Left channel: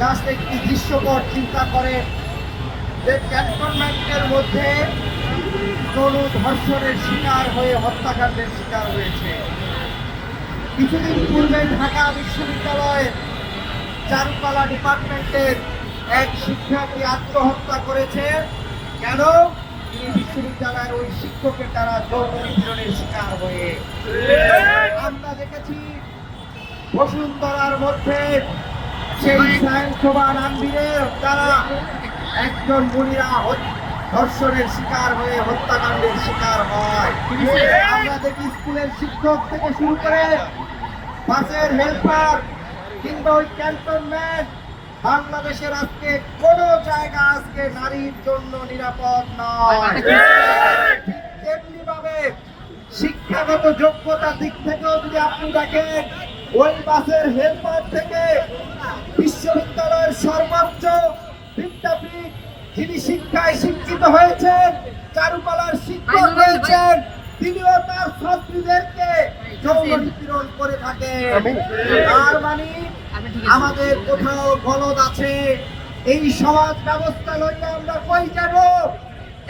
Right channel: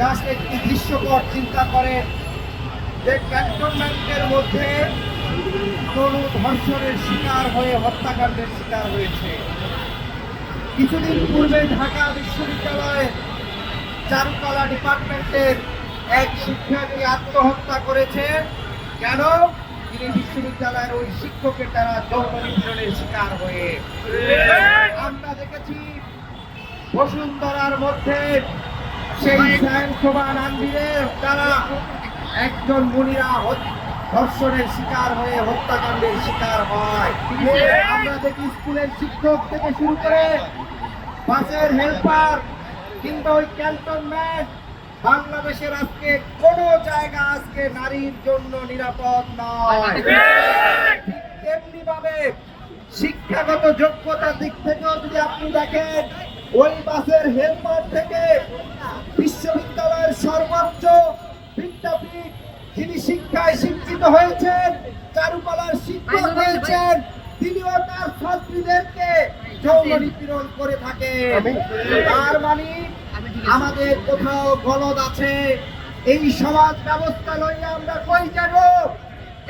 Just একটি দৃশ্যকর চিন্তা করে যে ক্যান্টনমেন্টের মধ্যে কোনো ধর্ষণের শিকার হয়ে হত্যাকাণ্ডের শিকার হয়েছে। কিছুদিন পূর্বে ঢাকা বিশ্ববিদ্যালয়ের চারুকলা ডিপার্টমেন্টের এক শিক্ষককে আত্মহত্যা করেছে। কেন? তিনি বিশ্ববিদ্যালয়ের ওই শিক্ষকের দ্বারা যৌন নিপীড়নের শিকার হয়ে। আমরা দেখেছি বসুন্ধরার মধ্যে সেই স্বয়ংসভা রামবীরের দ্বারা একজন মহিলা ধর্ষণের শিকার হয়ে হত্যাকাণ্ডের শিকার হয়। আমরা দেখি স্কুলের শিক্ষক থেকে শুরু করে বাসের হেল্পার কিংবা ওই ক্যান্টনমেন্ট, বাংলাদেশের আজকে কোন জায়গা আজকে নারীর জন্য নিরাপদ নয়। তেমনি ভাবে শিক্ষাগত যোগ্যতার দিক থেকেও যদি আপনি দেখেন, ওই বাসের হেল্পার থেকে বিশ্ববিদ্যালয়ের সর্বোচ্চ বিদ্যাপীঠ যিনি শিক্ষায় শিক্ষিত হয়েছেন, চারুকলার শিক্ষক হয়েছেন, তিনিও তার ছাত্রীদেরকে যৌন নিপীড়ন করে থাকেন। তার মানে আমাদের কোথাও গলদ আছে। এই সমাজ ব্যবস্থা লইয়া আমরা কই যাব?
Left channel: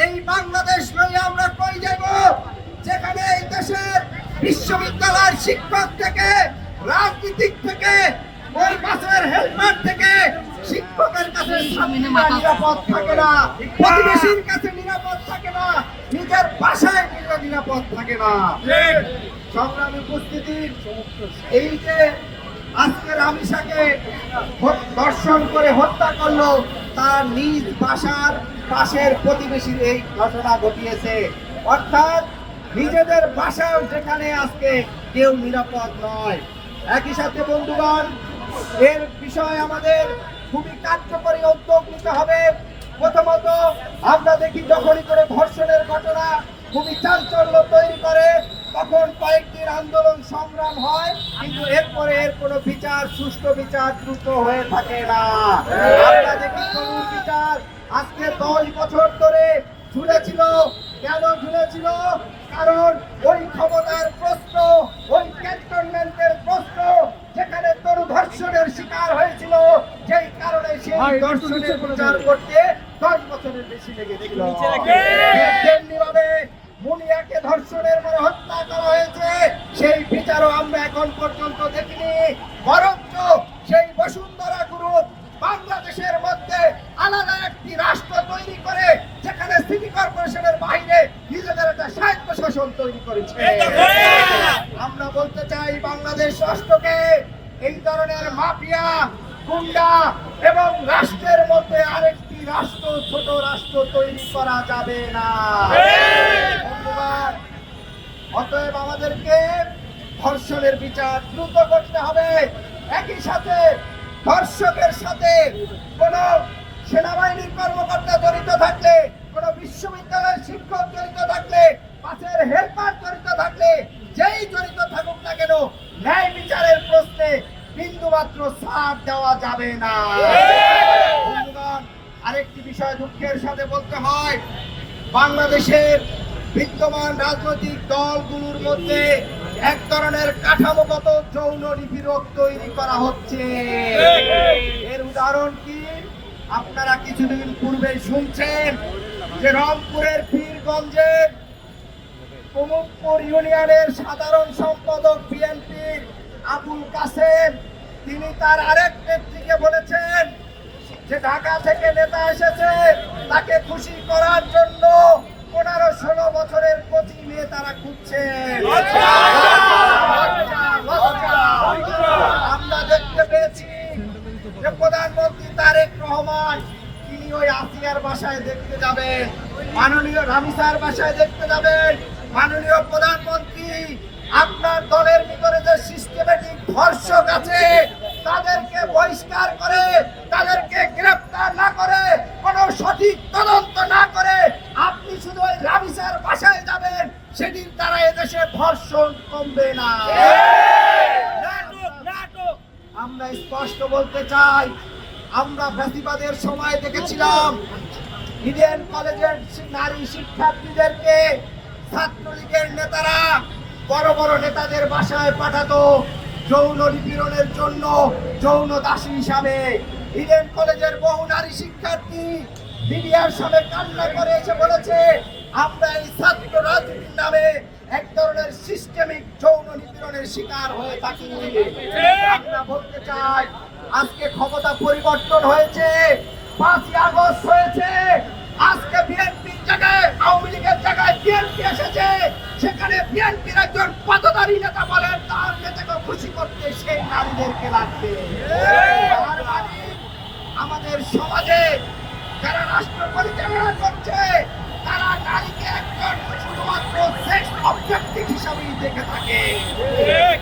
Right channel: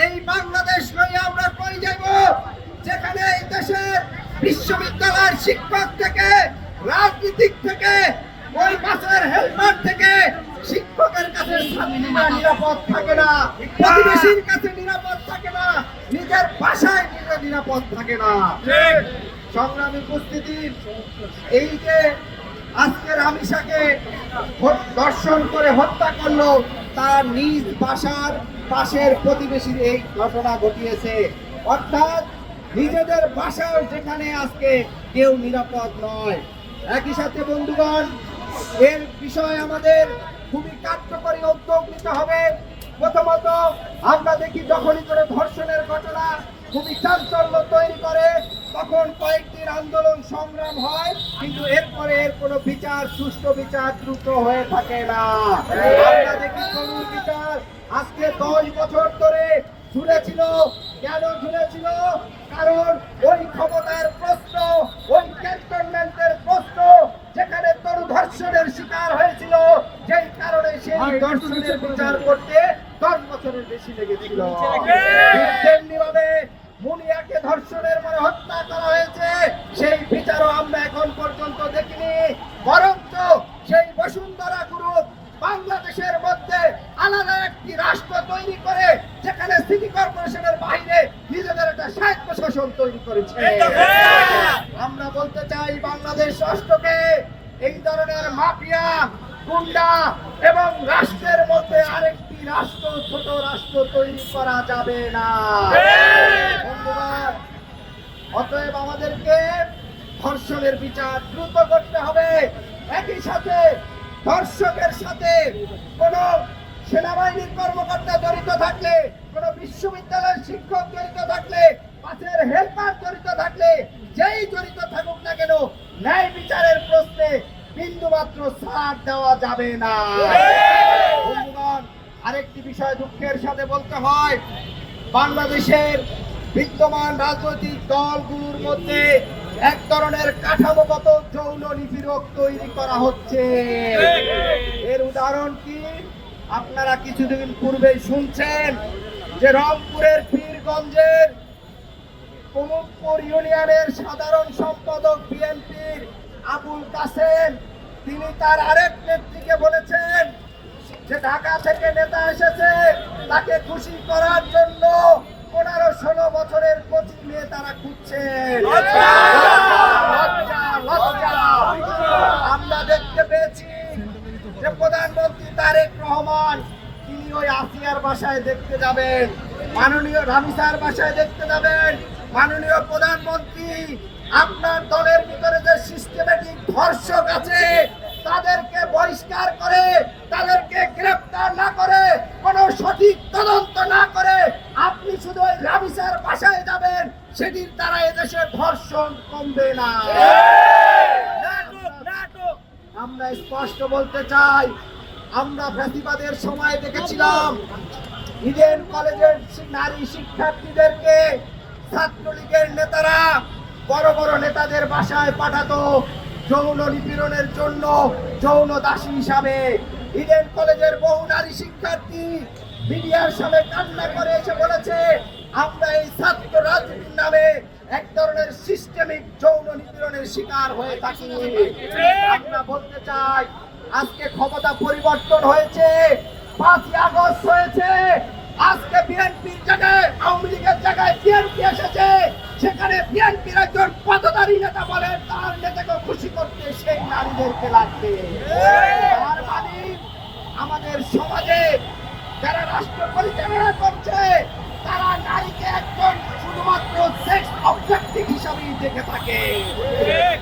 এই বাংলাদেশ লইয়া আমরা কই যাব? যেখানে এই দেশের বিশ্ববিদ্যালয়ের শিক্ষক থেকে, রাজনীতিক থেকে, ওই বাসের হেলপার থেকে শিক্ষকের কাছে নিরাপদ থাকে না, প্রতিবেশীর কাছে নিরাপদ থাকে না, নিজের বাসায় নিরাপদ থাকে না। সংগ্রামী উপস্থিতি, এই যে আজকে রামিসাকে ধর্ষণ করে হত্যা করলো, তার নিজ বাসার পাশের প্রতিবেশীর এই ঘটনা ঘটিয়েছে। অর্থাৎ নিজেদের বাসাও যেখানে আজকে কেউ নিরাপদ নয়। একই সাথে বন্ধুগণ, এর বিষয়ে আমাদের খুবই কার্যকরী উদ্যোগ নিতে হবে। প্রথমত আমরা দেখি যখনই করে ধর্ষণের ঘটনা খুবই চাঞ্চল্য তৈরি করে, তখন কয়েকদিন আন্দোলন সংগ্রাম হয়, কিন্তু এরপরে এর কোনো বিচার, সুষ্ঠু বিচার দ্রুত হয়ে থাকে না। আমরা দেখি করুণ বিচার আজকে 10 বছর ধরে ঝুলেছিল। কেন ঝুলেছিল? কারণ ওই ক্ষমতার প্রশ্ন, ওই ক্যান্টনমেন্টের প্রশ্ন, যেখানে তরু ধর্ষণের শিকার হয়েছিল, যেই কারণে সেই ধর্ষণের বিচার করতে 10 বছরের বেশি লেগেছিল। তেমনিভাবে মুনিয়াকে ধর্ষণের পরে হত্যা করা হয়েছে, সেই বিচারও আমরা এখন পর্যন্ত দেখিনি। বরঞ্চ সেই বসুন্ধরা গ্রুপ বাংলাদেশের মধ্যে আলাদা একটি রাষ্ট্র তৈরি করে, যেখানে সিটি কর্পোরেশনের বাইরে নিজেদের একটা স্বায়ত্ত শাসন তৈরি করেছে। আমরা বলতে চাই, বাংলাদেশ রাষ্ট্রকে এই ধরনের মাফিয়া, গুন্ডা এবং রাষ্ট্রের মধ্যে আরেকটি রাষ্ট্র, ছোট রাষ্ট্র তৈরি করা যাবে না। অতএব আমাদেরকে ধর্ষণের বিচার দ্রুত করতে হবে। একই সাথে ধর্ষকের সাথে কোন সেনাবাহিনীর কর্মকর্তা জড়িত থাকলে, কোন বিশ্ববিদ্যালয়ের শিক্ষক জড়িত থাকলে, বাসের হেল্পার জড়িত থাকলে, যেই জড়িত থাকুক না কেন, ন্যায় বিচারের প্রশ্নে বিন্দুমাত্র ছাড় দেওয়া যাবে না। বন্ধুগণ, আরেকটি বিষয় দুঃখের সাথে বলতে হয়, বাংলাদেশের বিদ্যমান রাজনৈতিক দলগুলোর মধ্যে এক ধরনের কাঠামোগত যৌন নিপীড়ক তৈরি করা হচ্ছে। এর উদাহরণ কি? আপনারা কিছুদিন পূর্বে শুনছেন যে রংপুরের পীরগঞ্জের প্রমুখপুর ইউনিয়নের সাধারণ সম্পাদক বিএনপির আবুল কাসেম, তিনি তার আরেক নেত্রীকে বলেছেন যে ঢাকা থেকে নেতা এসেছে, তাকে খুশি করার জন্য 15-16 বছরের কোচিং নিয়ে তারা খুঁজছে। আমরা দেখতে পেয়েছি যে প্রধানমন্ত্রী তারেক রহমান, তিনি ওই আসিয়ার বাসায় দেখতে যাবেন, মাননীয় রামিসার বাসায় দেখতে যাবেন। মাননীয় প্রধানমন্ত্রী, আপনার দলের ভিতরে যে সিস্টেমেটিক ধর্ষক আছে, তাদেরকে বহিষ্কার করে, তাদেরকে গ্রেফতার না করে, কোনো সঠিক তদন্ত না করে আপনি শুধু ওই রামিসার বাসায় যাবেন, সেটির দ্বারা এদেশে ধর্ষণ কমবে না। আমরা স্পষ্ট বলতে চাই, আমরা ফ্যাসিবাদের সময় দেখেছিলাম ইডেন কলেজের নারী শিক্ষার্থীদেরকে ছাত্রলীগের নেতারা বড় বড় নেতাদের বাসায় পাঠাতো, যৌন নিপীড়নের জন্য যৌন দাসী হিসাবে ইডেন কলেজের বহু নারী শিক্ষার্থী মিডিয়ার সামনে কান্না করে এসে বলেছে, আমরা এই ছাত্র রাজনীতির নামে এক ধরনের সিস্টেমিক যৌন নিপীড়নের শিকার হয়ে থাকি। আমরা বলতে চাই, আজকে ক্ষমতা পরিবর্তন হয়েছে, 5ই আগস্ট হয়েছে, আজকে বিএনপির জায়গায় আওয়ামী লীগের জায়গায় বিএনপি এসেছে, সেখানে বিএনপির একজন পদধারী নেতা বলেন তার নেতাকে খুশি করতে সেই নারীদেরকে লাগবে। তার মানে আমাদের সমাজে যারা রাষ্ট্র পরিচালনা করছে তারা নারীকে একজন শুধুমাত্র সেক্স অবজেক্টিভ হিসাবেই দেখে থাকে।